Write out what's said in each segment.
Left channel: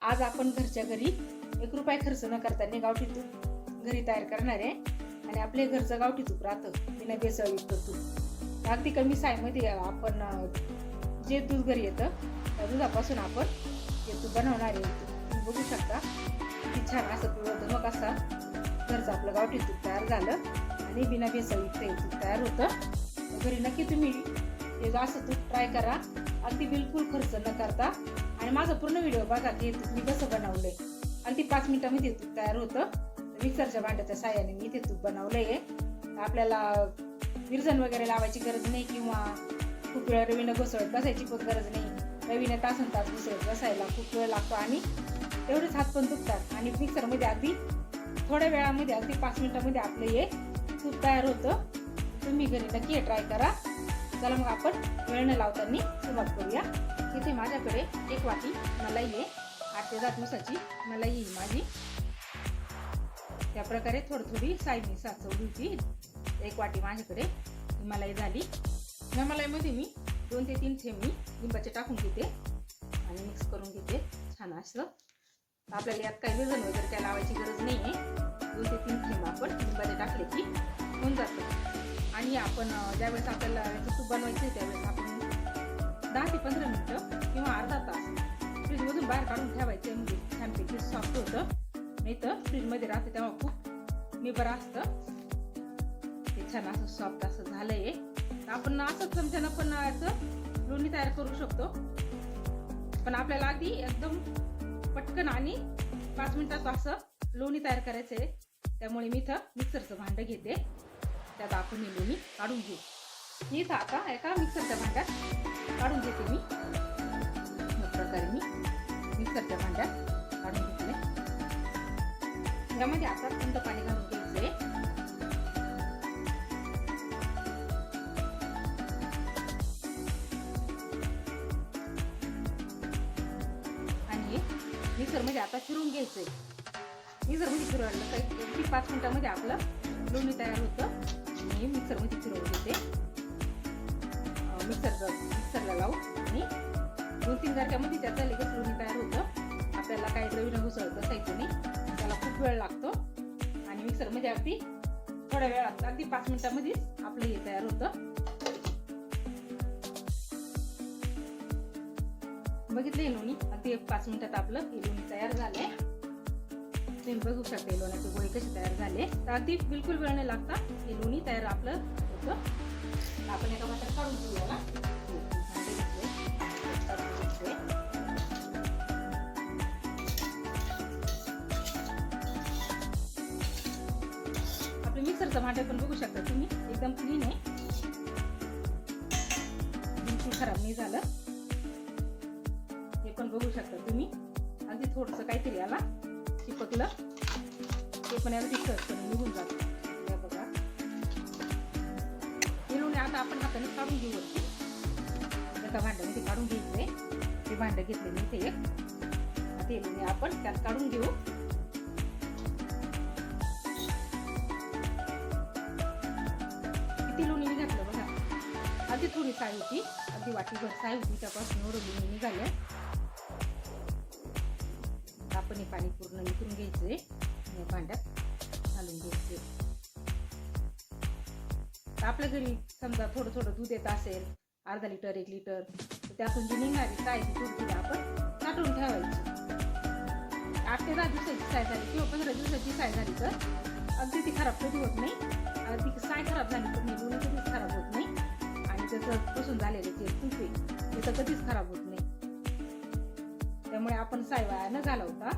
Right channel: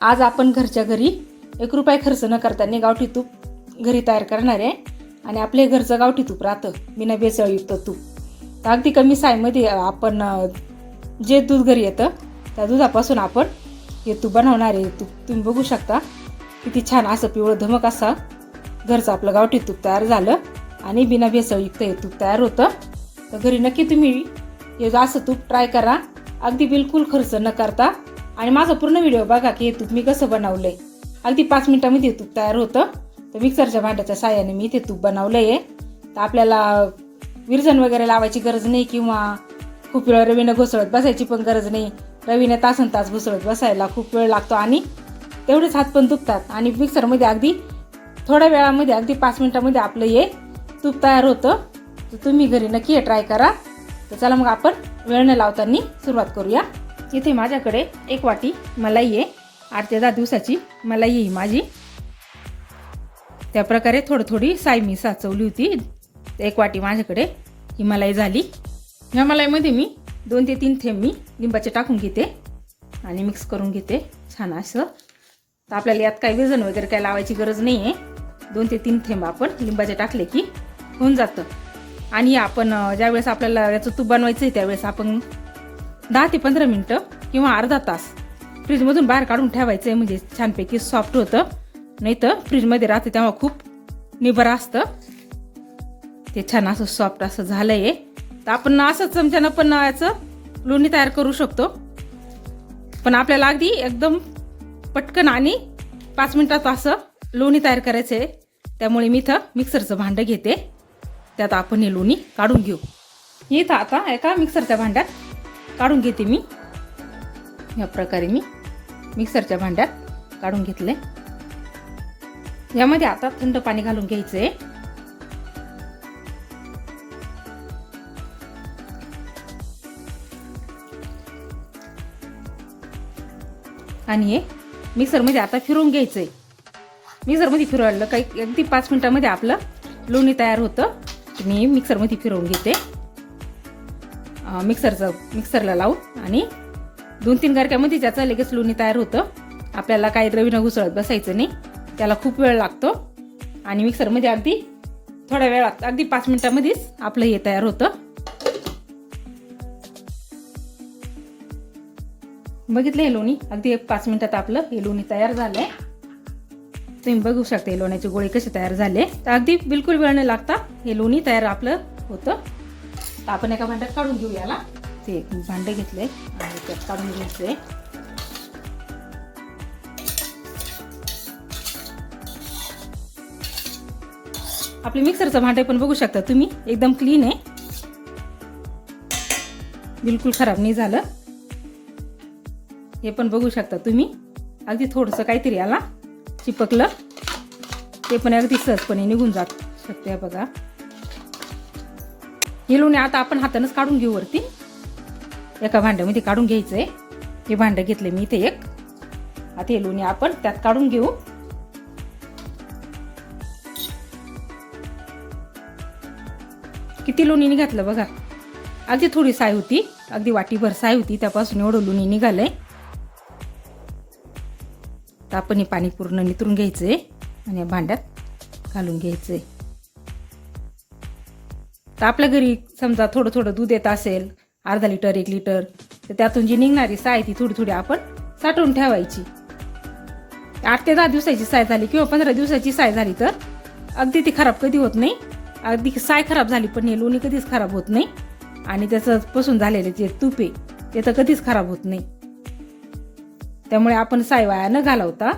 आज आपण घरच्या घरी 1 रुपया खर्च न करता गावठी तूप घरी तयार करणार आहे आणि आपले घरचं गावठी तूप राहतं बिना भेसळयुक्त तूप. तर अगदी कमी साईमध्ये आपण जे दूध घरी येतं त्या दुधापासून आपण हे तूप बनवणार आहे. तूप तुम्ही बघू शकता किती छान असं पिवळं धमक असा घरचं आपलं गावठी तूप तयार झालं आणि बिना भेसळयुक्त हे तूप तयार होतं. तर घरी नक्की तुम्ही हे असं तूप ट्राय करा, अगदी बिलकुल खर्च न करता. आणि माझा पूर्ण व्हिडिओ बघा की हे तूप मी कसं बनवलंय. अगदी 5 मिनिटांमध्ये तूप तयार होतं. तर मिक्सरच्या भांड्याच्या साहाय्याने मी इथे तूप बनवलंय. तर आपल्याला विरजण वगैरे लावायची गरज नाही किंवा खूप वेळ रवीनं घुसळत बसायची पण गरज नाही. रवीने तासन तास घुसळत बसायला खूप वेळ लागतो आणि तेवढेच हात पण दुखतात. आणि मिक्सरमध्ये अगदी थोड्या वेळामध्ये अगदी 5 मिनिटांमध्ये आपलं हे तूप तयार होतं. तर तुम्ही घरी नक्की हे ट्राय करा. तर चला मग आपण वेळ न लावताना सुरुवात करूया. इथे माझ्याकडे 1 वाटी मलाई आहे. 8 ते 10 दिवसाची मलाई आहे माझी. त्याप्रकारे थोडी साय मी साचवली होती. 1 वाटी माझ्याकडे ही मलाई झाली. ह्या मलाईमध्ये मी 2 ते 3 थेंब मी लिंबाचे टाकून घेते आणि मिक्स करून घेते छान असं. तर आपल्याला यात काही विरजण वगैरे काही लावायची गरज नाही आहे. 2 ते 3 थेंब आपण लिंबाचे टाकले की होऊन जातं. आणि आपण ज्यावेळेस आपल्याला याचं तूप बनवायचं आहे त्यावेळेस आपण 10 ते 15 मिनटं किंवा अर्धा तास फ्रीजमधून बाहेर काढून ठेवायचं आहे, म्हणजे छानपैकी सॉफ्ट होतं. नाही तर फ्रीजमध्ये राहते तेव्हा खूप निबर असतं. ते छान असं सॉफ्ट असं झालं आहे. तर आपण असं चमच्यानं पण याचं लोणी तयार करू शकतो. पण आपल्याला अगदी एकदम पटकन आणि 5 मिनिटात असं लोणी तयार करायचं आहे. त्यामुळे मी इथं मिक्सरचं भांडं घेते, त्यात आपण हे लोणी काढून घेऊ. इथं आता एका मिक्सरच्या भांड्यात काढून घेते मी. या प्रकारे मी मिक्सरच्या भांड्यात काढून घेतले. यामध्ये आता थंड पाणी घालून घ्यायचंय. आणि हे मिक्सरमध्ये आता फिरवून घ्यायचंय. मिक्सरमध्ये फिरवलं काही अगदी 5 मिनिटांमध्ये आपलं लोणी तयार होतं. मी मिक्सरमध्ये फिरवून घेते मिक्सरला लावून. आणि 2-3 गारक्यामध्ये त्याचं लगेच लोणी तयार होतं. आपल्याला काही रवीनं घुसळत बसायचं नाही, त्याला खूप वेळ लागतो. आणि मिक्सरमध्ये अगदी थोड्या वेळात अगदी 5 मिनिटांमध्येच आपलं हे तयार होतं. बघितलं हे लोणी अगदी 5 मिनिटात आपलं हे लोणी तयार झालंय. तुम्ही बघू शकता हे लोण्याचे गोळे कसे तयार झाले. तर अगदी बिलकुल वेळ न लागता हे लोणी तयार आपलं होतं. तर आपण एका भांड्यात काढून घेऊ याला. ते एक भांडं घेतलंय आणि त्यात काढून घ्यायचंय. आपले मिक्सरचं भांडं पण बघू शकता तुम्ही एकदम क्लीन आहे, बिलकुल खराब नाही झालं. हे पण बघू शकता तुम्ही अगदी थोडंसं काहीतरी याला चिपकलं, ते पण अगदी सहजपणे निघून जात शकते. बघा हे लोणी आता आपण हातानंच काढून घेऊ. वरती एका भांड्यामध्ये काढून घ्यायचंय. हे भांडं घेतले मी इथे एक. आता हे लोणी आपण त्यात काढून घेऊ. किती लोणी निघालं बघा. अगदी थोडी साय होती, अगदी वाटीभर साय होती, त्यापासून एवढं लोणी निघालंय. तर आपण हे पाणी पूर्ण नितरून घ्यायचंय आणि भांड्यात घालून घ्यायचंय. तर आपल्या घरी समजा थोडं दूध येत असेल, अर्धा लिटर 1 लिटर, तर त्यातून जी निघणारी साय ती थोडी आपण साठवून ठेवायची. 8 ते 10 दिवसाची साय झाली किंवा 15 दिवसाची साय झाली तर अगदी ती खराब कधी होत नाही. अगदी साय खराब झाली पण हे लोणी कधीच खराब होत नाही. आणि त्याचं पासून झालेले जे तूप आहे ते तर कधीच खराब होत नाही. त्यामुळे आपण साय वाया न घालवता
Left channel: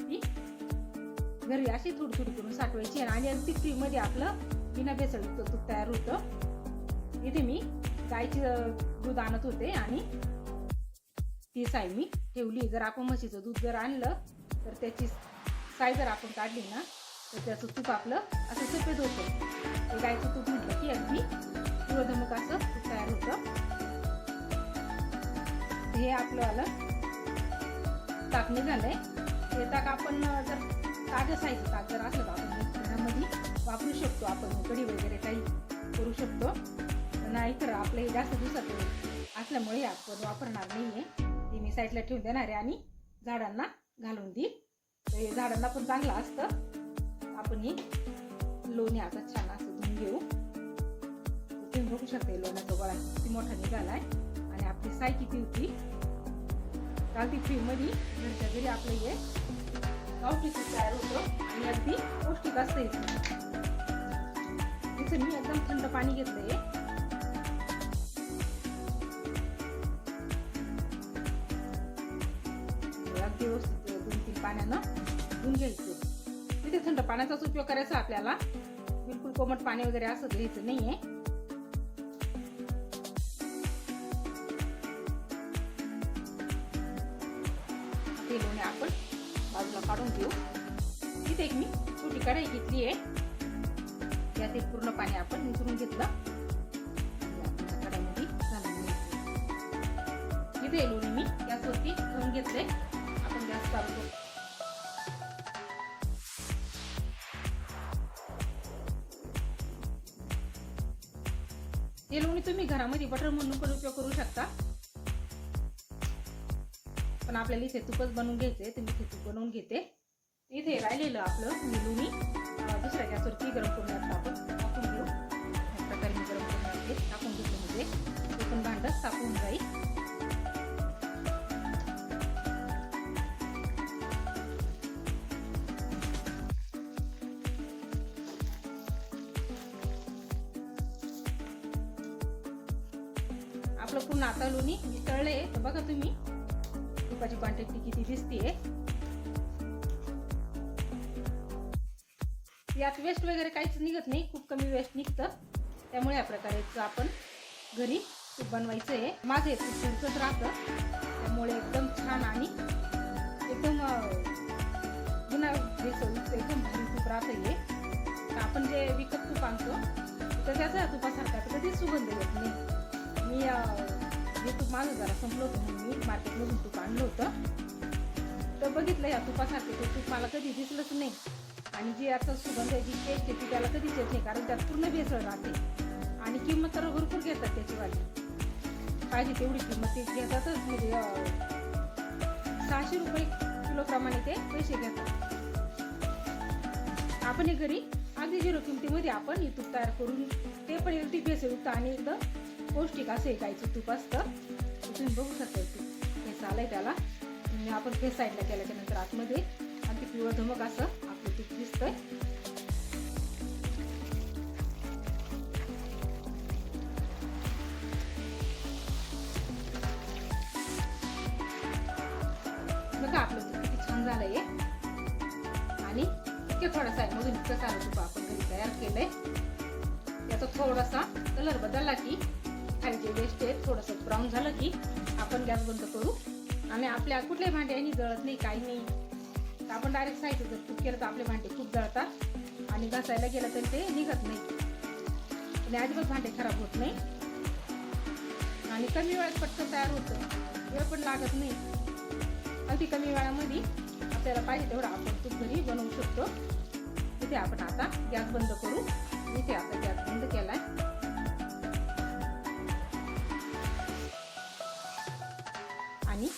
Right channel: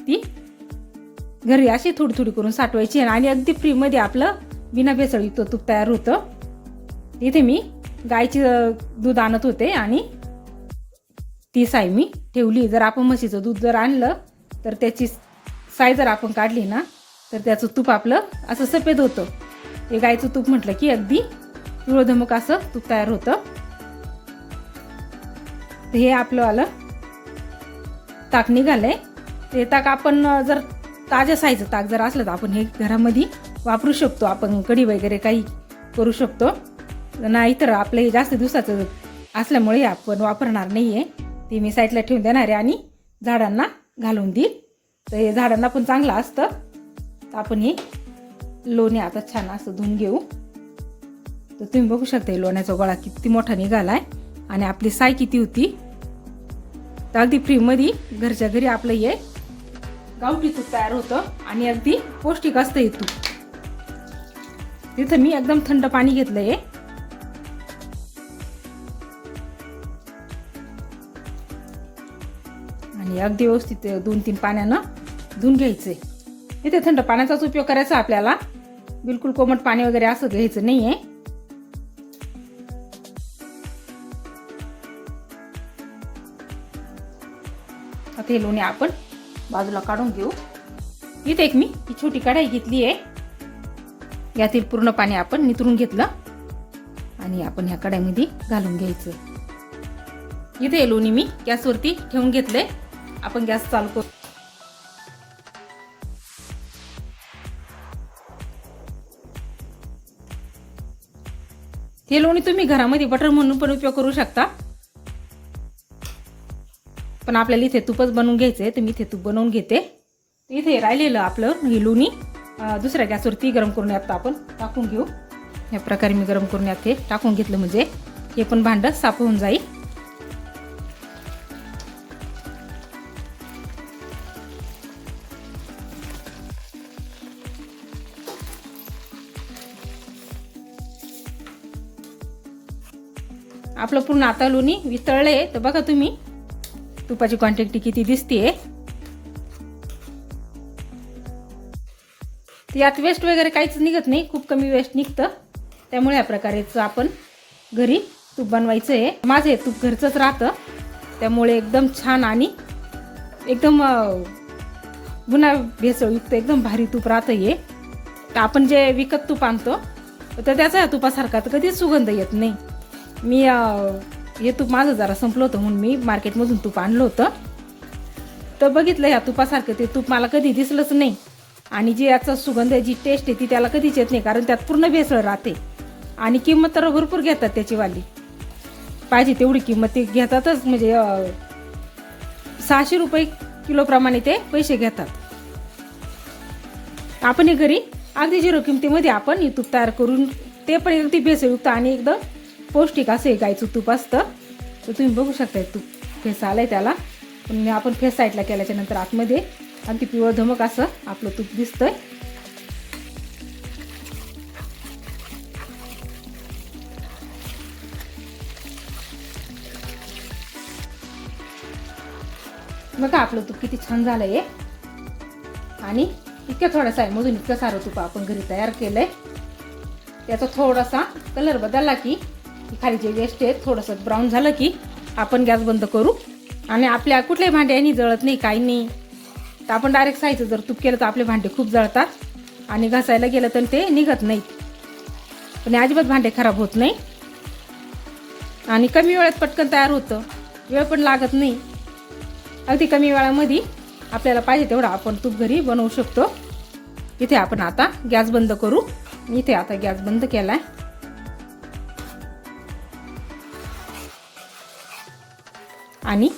ती घरी अशी थोडी करून साठवायची आणि अगदी फ्रीमध्ये आपलं बिना भेसळयुक्त तूप तयार होतं. इथे मी गायचं दूध आणत होते आणि ती साय मी ठेवली. जर आपण म्हशीचं दूध जर आणलं तर त्याची साय जर आपण काढली ना तर त्याचं तूप आपलं असं सफेद होतं. हे गायचं तूप म्हटलं की अगदी पिवळधमक असं तूप तयार होतं. हे आपलं आलं ताक निघालंय. ते ताक आपण जर ताज्या साईचं ताक जर असलं तर आपण हे घरामध्ये वापरू शकतो. आपण कढी वगैरे काही करू शकतो. नाही तर आपलं हे जास्त दिवसाचं असल्यामुळे आपण वापरणार नाही आहे. ती मी साईडला ठेवून देणार आहे आणि झाडांना घालून देईल. तर हे झाडांना पण चांगलं असतं. तर आपण हे लोणी आता छान असं धुवून घेऊ. तर तुम्ही बघू शकता हे लोण्याचा गोळा किती मोठा निघालाय आणि आपली साय किती होती. तर अगदी फ्रीमध्ये घरच्या घरी आपलं हे गावठी तूप तयार होतं आणि अगदी पौष्टिक असतं हे तूप. तिथं मी एकदम थंड पाणी घेतलंय आणि अगदी व्यवस्थित 2-3 पाण्यानं धुवून घ्यायचंय. इथे थंड पाण्याचाच उपयोग करायचा आपल्याला, बिलकुल कोमट पाणी वगैरे असं घ्यायचं नाहीये. आता हे लोणी आपण बाजूला काढून घेऊ. इथे एक मी छोटी कढाई घेतली आहे. यातील पूर्ण पाणी आपण नितरून घेतलं आणि आपण ह्या कढाईमध्ये घालून घ्यायचं. इथे हे लोणी मी गॅसवरती ठेवून घेतले. आपण गॅस चालू करू. हे लोणी तुम्ही घरामध्ये बटर म्हणून पण उपयोग करू शकता, पण आपल्याला इथे तूपच बनवून घ्यायचंय. तर मी इथे तूप बनवून घेते. इथे राहिलेलं आपलं हे लोणी दुसऱ्या गॅसवरती गरम करून यात आपण टाकून घेऊ. या प्रकारे मी गरम करून यात टाकून घेतलं म्हणजे हे पण भांडं साफ होऊन जाईल. आपलं पूर्ण आता लोणी वितळले. तर बघा तुम्ही तुपाची क्वांटिटी किती दिसतीये. यात वेस्ट वगैरे काहीच निघत नाही, खूप कमी वेस्ट निघतं. त्यामुळे या प्रकारेच आपण घरी तूप बनवायचं आहे. माझं हे तूप घरचंच राहतं, त्यामुळे एकदम छान आणि एकदम पुन्हा भेसळयुक्त एकदम भारी तूप राहतं हे. तर आपण जे विकत तूप आणतो तर त्याचा या तुपासारखा तर कधीच सुगंध येत नाही. मी हे तूप माझं जरा संपलं होतं म्हणून मी मार्केटमधून तूप आणलं होतं. तर बघितलं या तुपासारखं ते तूप मला कधी दिसलंच नाही. आणि जी याचा सुगंध जी टेस्ट आहे ती त्याला कधीच येत नाही, कारण त्यात पूर्ण भेसळ राहते. आणि किंमत तर भरपूर घेतात त्याची वाली, पाहिजे तेवढी किंमत ते घेतातच. म्हणजे 600 रुपये किलोप्रमाणे ते पैसे घेतात. आपण हे घरी अगदी 0 किमतीमध्ये आपण हे तूप तयार करून, ते पण अगदी भेसळयुक्त आणि एकदम पौष्टिक असं हे गाईचं तूप असतं. तर तुम्ही बघू शकता तूप फेस आलाय त्याला, पण आपण फेस साईडला केल्याच्या नंतर आतमध्ये अगदी पिवळं धमक असं आपलं तूप दिसतंय. बघा आपलं तूप किती छान झालंय आणि इतक्या थोडासा आहे मधून इतकं सारं तूप आपण घरी तयार केलंय. याचा थोडासा कलर बदलला की खाली जे वेस्ट आहे थोडंसं ब्राऊन झालं की आपण गॅस बंद करू. आणि आपल्या कुठल्याही भांड्यानी जळत नाही, काही नाही. तर आपण डायरेक्ट साईचं जर तूप केलं तर आपले भांडे खूप जळतात आणि घासायला गेलं तर ते निघत नाहीत. पण अजिबात भांडे खराब होत नाही आणि कमी वेळात पटकन तयार होतं, वेळ पण लागत नाही. अगदी कमी वेळामध्ये आपल्याला पाहिजे तेवढं आपण तूप घरी बनवू शकतो. इथे आपण आता गॅस बंद करू. इथे आता गॅस बंद केलाय आणि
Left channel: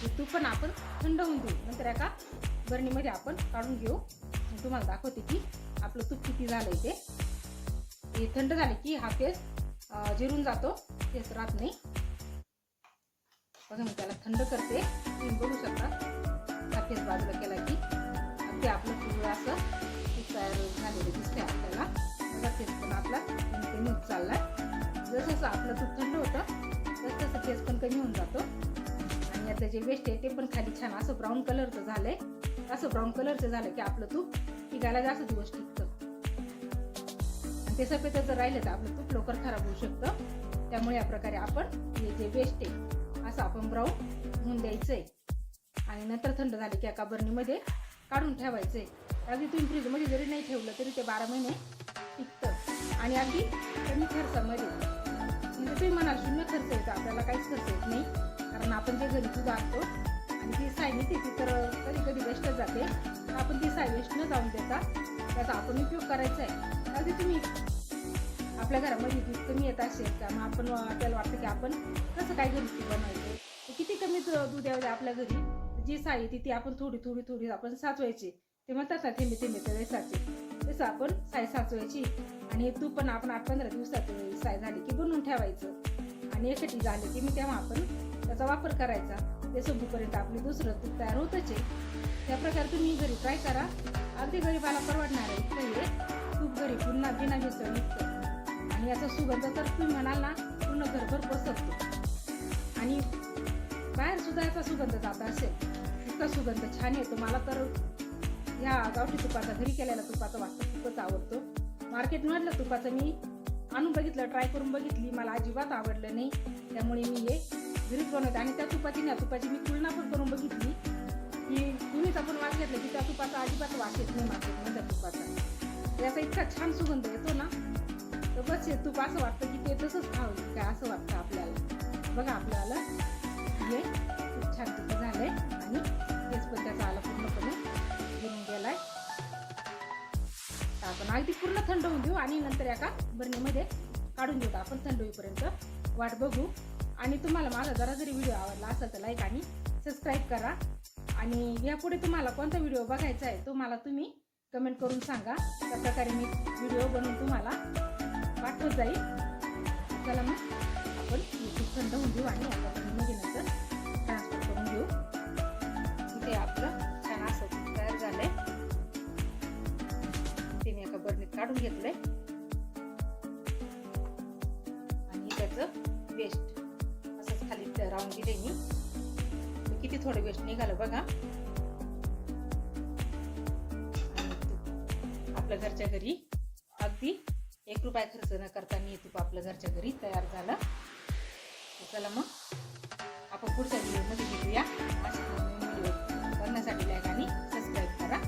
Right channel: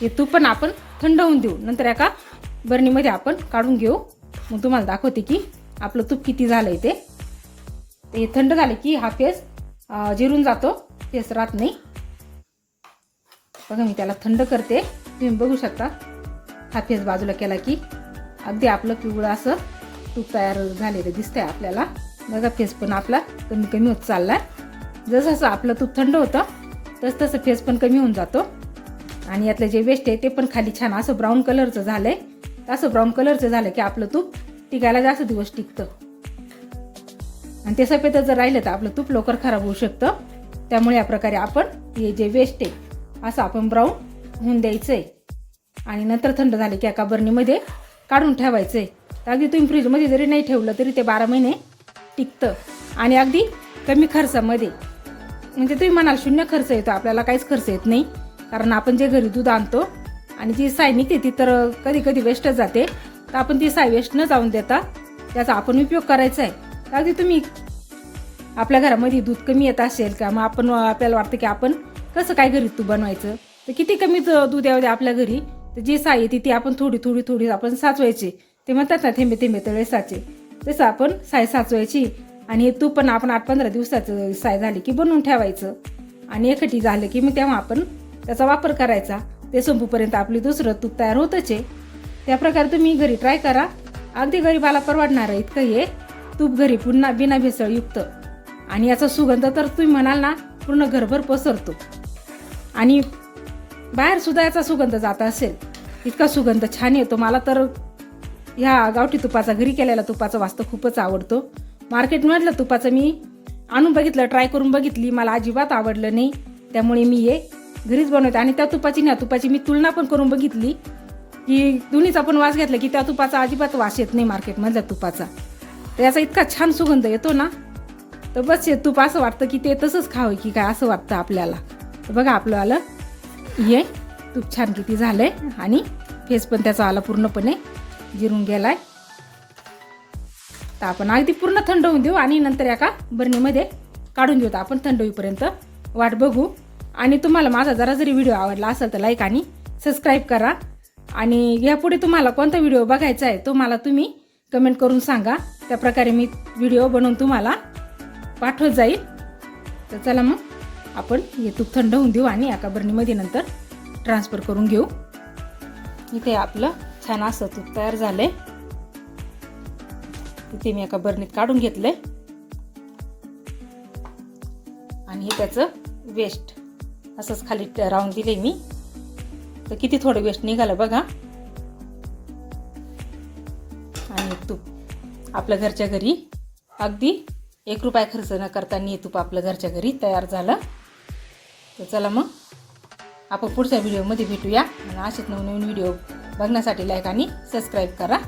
हे तूप पण आपण थंड होऊन देऊ. नंतर एका बरणीमध्ये आपण काढून घेऊ. मग तुम्हाला दाखवते की आपलं तूप किती झालंय ते. हे थंड झालं की हा फेस जिरून जातो, फेस राहत नाही. बघा मी त्याला थंड करते. तुम्ही बघू शकता हा फेस बाजूला केला की अगदी आपलं पिवळं असं तूप तयार झालेलं दिसतंय आपल्याला. बघा फेस पण आपला कमी कमी होत चाललाय. जसं जसं आपलं तूप थंड होतं तसं तसं फेस पण कमी होऊन जातो. आणि यातलं जे वेस्ट आहे ते पण खाली छान असं ब्राऊन कलरचं झालंय. असं ब्राऊन कलरचं झालं की आपलं तूप टिकायला जास्त दिवस टिकतं. आणि ते सफेद जर राहिलं तर आपलं तूप लवकर खराब होऊ शकतं. त्यामुळे या प्रकारे आपण हे जे वेस्ट आहे असं आपण ब्राऊन होऊन द्यायचंय आणि नंतर थंड झाले की एका बरणीमध्ये काढून ठेवायचंय. अगदी तुम्ही फ्रीजमध्ये जरी नाही ठेवलं तरी ते 12 महिने टिकतं आणि अगदी कमी खर्चामध्ये. म्हणजे तुम्ही म्हणाल शून्य खर्च येतो, आपल्याला काहीच खर्च येत नाही. कारण आपण जे घरी दूध आणतो आणि जी साय निघते ती तर कधी कधी वेस्टच जाते. तर आपण ती साय वेस्ट न जाऊन देता त्याचा आपण उपयोग करायचा आहे. अगदी तुम्ही आपल्या घरामध्ये दूध कमी येत असेल का, मग आपल्याला वाटतं की आपण कसं काय घरी तूप बनवायचं, तर किती कमी दूध येऊ दे आपल्या घरी तर जी साय येते ती आपण थोडी थोडी थोडी आपण साचवायची. ते म्हणतात ना थेंबे थेंबे तळे साचे, तसं आपण साय साचवायची. आणि हे तूप पण आपण 8-15 दिवसाचं साय झाली की बनवून ठेवायचं. आणि एकटी झालं की मग तेव्हा आपण त्याचा वापर करायचा. ते संपूपर्यंत आपली दुसरं तूप तयार होतच आहे. त्याप्रकारे तुम्ही घरी ट्राय करा. अगदी गरीबाला परवडणार आहे इतकं हे तूप घरी पुन्हा बिना भेसळयुक्त. आणि याचा सुगंध तर तुम्ही म्हणाल ना पूर्ण घरभर पसरतो. आणि बाहेर सुद्धा याचा सुगंध जात असेल, इतका सुगंध छान येतो. मला तर ह्या गावठी तुपाचा, घरी केलेला तुपाचा वास तर खूपच आवडतो. मार्केटमधलं तुपाचं मी आणून बघितलं, ट्राय करून बघितली, मला अजिबात आवडलं नाही. त्यामुळे मी हे घरीच बनवते. आणि त्या तुपाची ना तुपाची मी तुलना पण करून बघितली की दोन्हीचा पण वास घेतला की त्या तुपाचा अजिबात वास येत नाही मार्केटमधल्या तुपाचा. तर याचा इतका छान सुगंध येतो ना, तर बस हे तूप असं वाटतं की ते तसंच खावं की काय असं वाटतं आपल्याला. तर बघा आपलं हे तूप छान किती झालंय आणि फेस पण त्याचा आला पूर्णपणे जिरून गेलाय. तर आपण अगदी पूर्ण थंड होऊन देऊ आणि नंतर एका बरणीमध्ये काढून घेऊ. आपण थंड होईपर्यंत वाट बघू. आणि तुम्हाला माझा जरी व्हिडिओ आवडला असेल तर लाईक आणि सबस्क्राईब करा. आणि यापुढे तुम्हाला कोणता व्हिडिओ बघायचा आहे तो मला तुम्ही कमेंट करून सांगा. त्याप्रकारे मी व्हिडिओ बनवून तुम्हाला पाठवत जाईल. तर चला मग आपण हे तूप थंड होऊन देऊ आणि एका बरणीमध्ये नंतर ट्रान्सफर करून घेऊ. इथे आपलं छान असं तूप तयार झालंय. इथे मी एका बरणीत काढून घेतलंय. आणि हे त्याचं वेस्ट असंच खाली राहून दिले मी. तर किती थोडं वेस्ट निघालं बघा. आणि तूप आपल्या घरच्या घरी अगदी ₹1 खर्च न करताना हे तूप आपल्या घरच्या घरी तयार झालं. तर चला मग आपण पुढच्या व्हिडिओमध्ये भेटूया. आणि असेच नवीन व्हिडिओ बघण्यासाठी लाईक आणि सबस्क्राईब करा.